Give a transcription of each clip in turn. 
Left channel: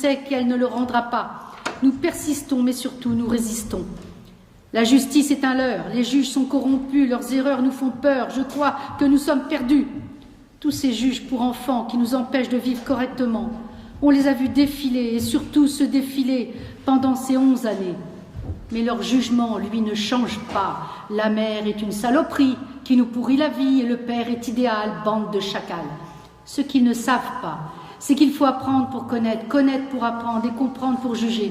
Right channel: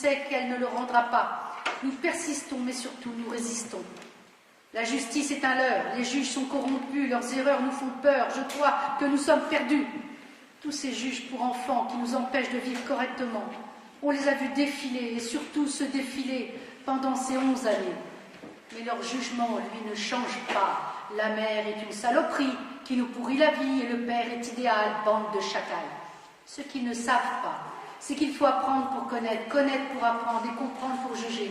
sait qu'elle ne le rendra pas. Nous persistons, mais surtout nous résistons. La justice est un leurre, les juges sont corrompus, leurs erreurs nous font peur, je crois que nous sommes perdus. Tous ces juges pour enfants qui nous empêchent de vivre correctement, on les a vus défiler et surtout se défiler pendant ces 11 années. Mais leur jugement, lui, ne change pas. La mère est une saloperie qui nous pourrit la vie et le père est idéal, bande de chacals. Ce qu'ils ne savent pas, c'est qu'il faut apprendre pour connaître, connaître pour apprendre et comprendre pour juger.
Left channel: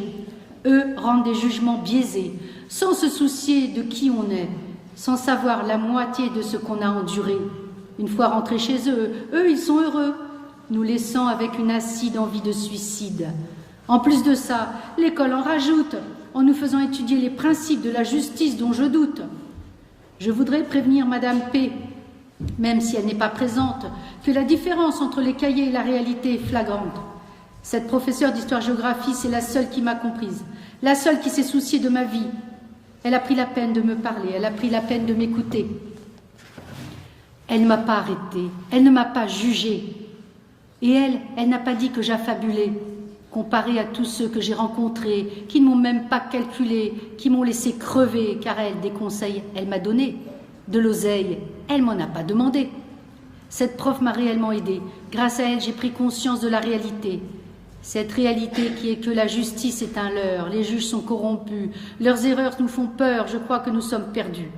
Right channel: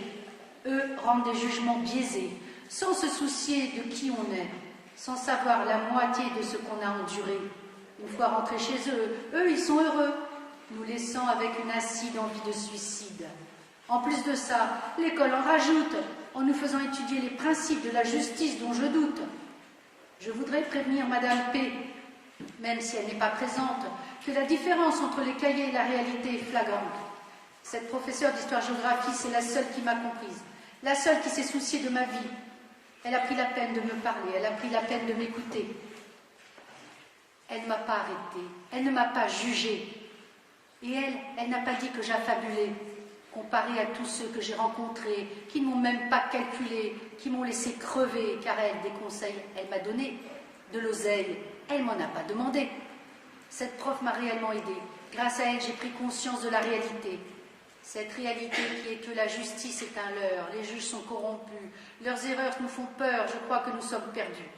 Eux rendent des jugements biaisés, sans se soucier de qui on est, sans savoir la moitié de ce qu'on a enduré. Une fois rentrés chez eux, ils sont heureux, nous laissant avec une acide envie de suicide. En plus de ça, l'école en rajoute, en nous faisant étudier les principes de la justice dont je doute. Je voudrais prévenir Madame P, même si elle n'est pas présente, que la différence entre les cahiers et la réalité est flagrante. Cette professeure d'histoire-géographie, c'est la seule qui m'a comprise, la seule qui s'est souciée de ma vie. Elle a pris la peine de me parler, elle a pris la peine de m'écouter. Elle ne m'a pas arrêtée, elle ne m'a pas jugée. Et elle n'a pas dit que j'affabulais, comparée à tous ceux que j'ai rencontrés, qui ne m'ont même pas calculé, qui m'ont laissé crever, car elle, des conseils, elle m'a donné. De l'oseille, elle m'en a pas demandé. Cette prof m'a réellement aidée. Grâce à elle, j'ai pris conscience de la réalité. Cette réalité qui est que la justice est un leurre, les juges sont corrompus, leurs erreurs nous font peur, je crois que nous sommes perdus.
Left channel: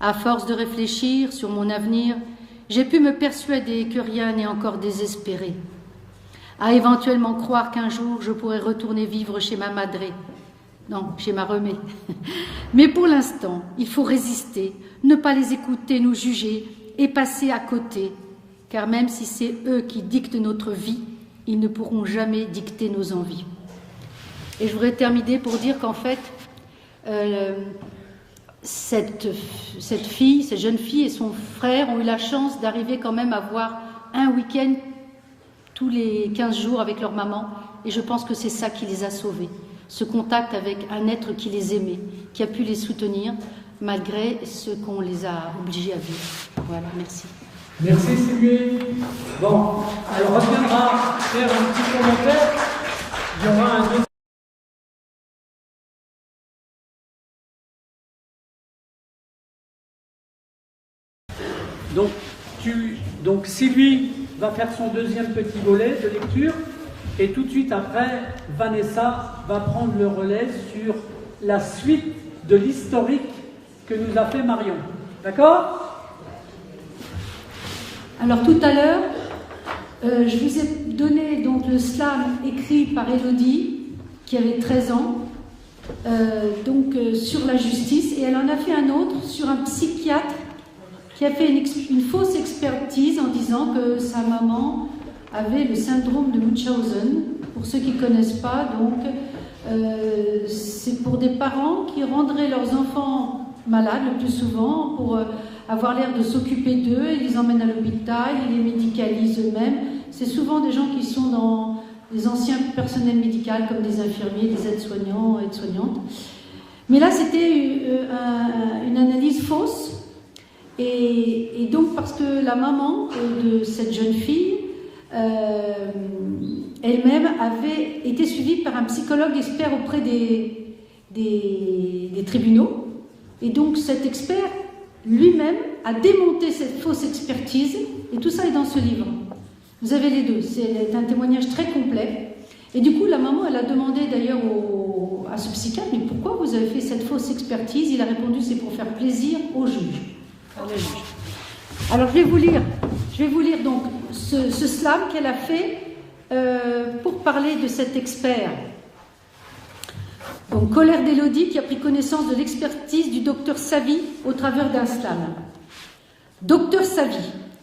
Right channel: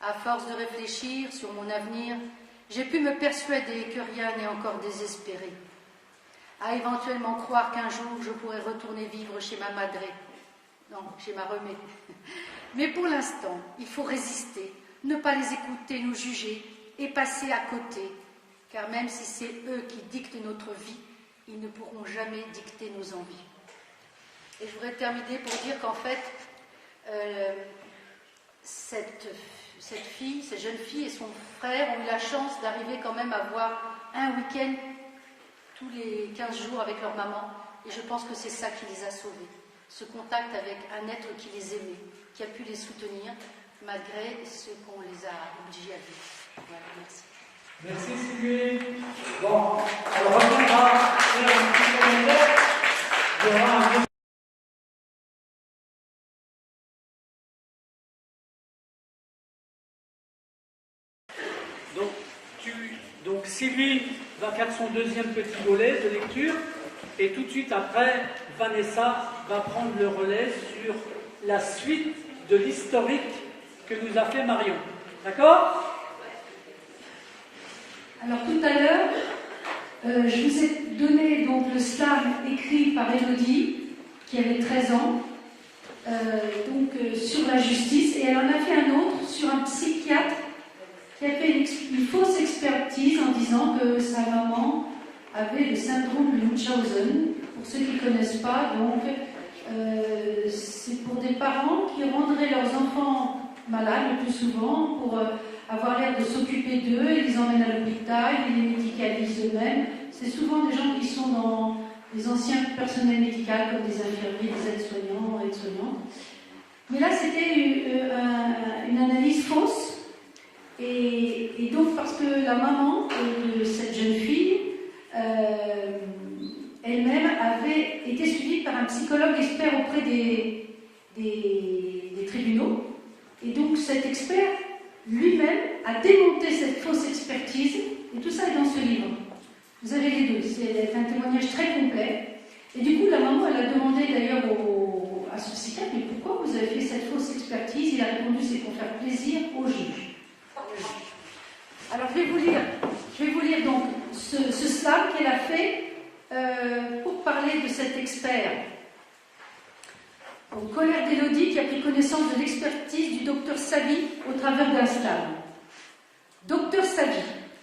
À force de réfléchir sur mon avenir, j'ai pu me persuader que rien n'est encore désespéré. À éventuellement croire qu'un jour je pourrai retourner vivre chez ma madré. Non, chez ma remée. Mais pour l'instant, il faut résister, ne pas les écouter, nous juger et passer à côté. Car même si c'est eux qui dictent notre vie, ils ne pourront jamais dicter nos envies. Et je voudrais terminer pour dire qu'en fait, cette jeune fille et son frère ont eu la chance d'arriver quand même à voir un week-end tous les 15 jours avec leur maman. Et je pense que c'est ça qui les a sauvés. Ce contact avec un être qui les aimait, qui a pu les soutenir malgré ce qu'on les a obligés à vivre. Voilà, merci. Merci Sylvie. Bon, alors on reviendra faire un petit commentaire. Il y aura un... Donc Sylvie va faire son deuxième petit volet de lecture et tout de suite après, Vanessa va prendre le relais sur la suite de l'historique que nous a fait Marion. D'accord ? Alors tout à l'heure, je vous ai donné donc le slam écrit par Élodie, qui avait 13 ans, sur la justice, et elle en a fait un autre sur un psychiatre qui a fait une fausse expertise en disant que sa maman avait le syndrome de Munchausen. Pour ceux qui ne connaissent pas, donc, c'est pour des parents qui rendraient leurs enfants malades le plus souvent pour avoir l'air de s'occuper d'eux, ils les emmènent à l'hôpital, ils les médicalisent eux-mêmes. C'est souvent des gens qui sont dans les anciens personnels médicaux comme des infirmiers, des aides-soignants, aides-soignantes. Mais là, c'était une analyse fausse. Et donc, parce que la maman de cette jeune fille, elle-même avait été suivie par un psychologue expert auprès des tribunaux. Et donc, cet expert, lui-même, a démonté cette fausse expertise. Et tout ça est dans ce livre. Vous avez les deux. C'est un témoignage très complet. Et du coup, la maman, elle a demandé d'ailleurs à ce psychiatre, mais pourquoi vous avez fait cette fausse expertise? Il a répondu, c'est pour faire plaisir au juge. Alors je vais vous lire donc ce slam qu'elle a fait pour parler de cet expert. Donc colère d'Élodie qui a pris connaissance de l'expertise du docteur Savy au travers d'un slam. Docteur Savy,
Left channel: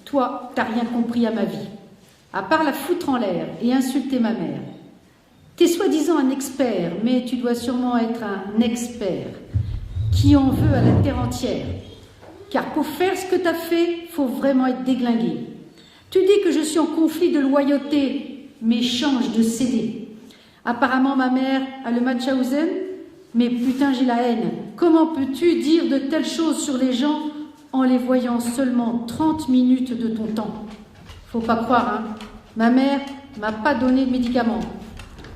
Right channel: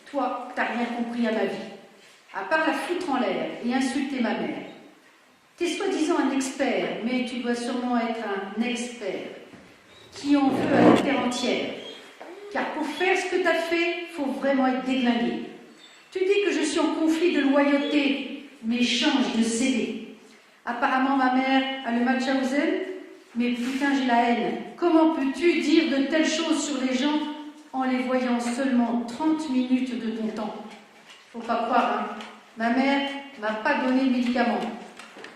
toi, t'as rien compris à ma vie, à part la foutre en l'air et insulter ma mère. T'es soi-disant un expert, mais tu dois sûrement être un expert qui en veut à la terre entière. Car pour faire ce que tu as fait, il faut vraiment être déglingué. Tu dis que je suis en conflit de loyauté, mais change de CD. Apparemment, ma mère a le Munchausen, mais putain, j'ai la haine. Comment peux-tu dire de telles choses sur les gens en les voyant seulement 30 minutes de ton temps? Faut pas croire, hein. Ma mère m'a pas donné de médicaments.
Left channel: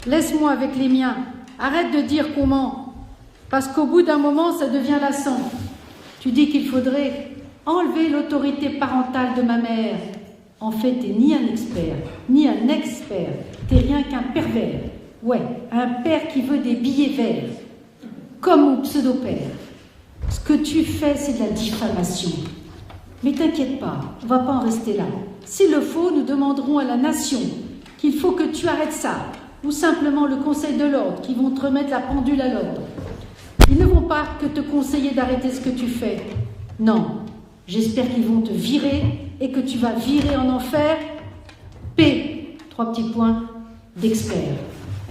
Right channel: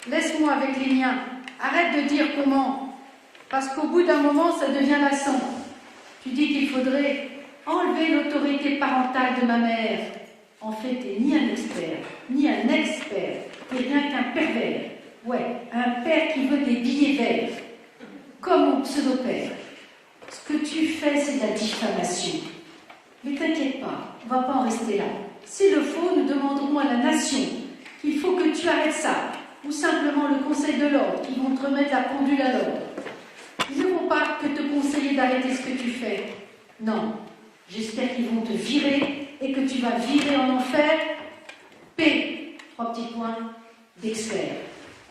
Laisse-moi avec les miens. Arrête de dire comment. Parce qu'au bout d'un moment, ça devient lassant. Tu dis qu'il faudrait enlever l'autorité parentale de ma mère. En fait, t'es ni un expert, ni un expert. T'es rien qu'un pervers. Ouais, un père qui veut des billets verts. Comme mon pseudo-père. Ce que tu fais, c'est de la diffamation. Mais t'inquiète pas, on va pas en rester là. S'il le faut, nous demanderons à la nation qu'il faut que tu arrêtes ça. Ou simplement le Conseil de l'ordre, qui vont te remettre la pendule à l'ordre. Ils ne vont pas que te conseiller d'arrêter ce que tu fais. Non, j'espère qu'ils vont te virer et que tu vas virer en enfer. P, 3 petits points, d'expert.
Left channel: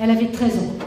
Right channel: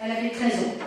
Elle avait 13 ans.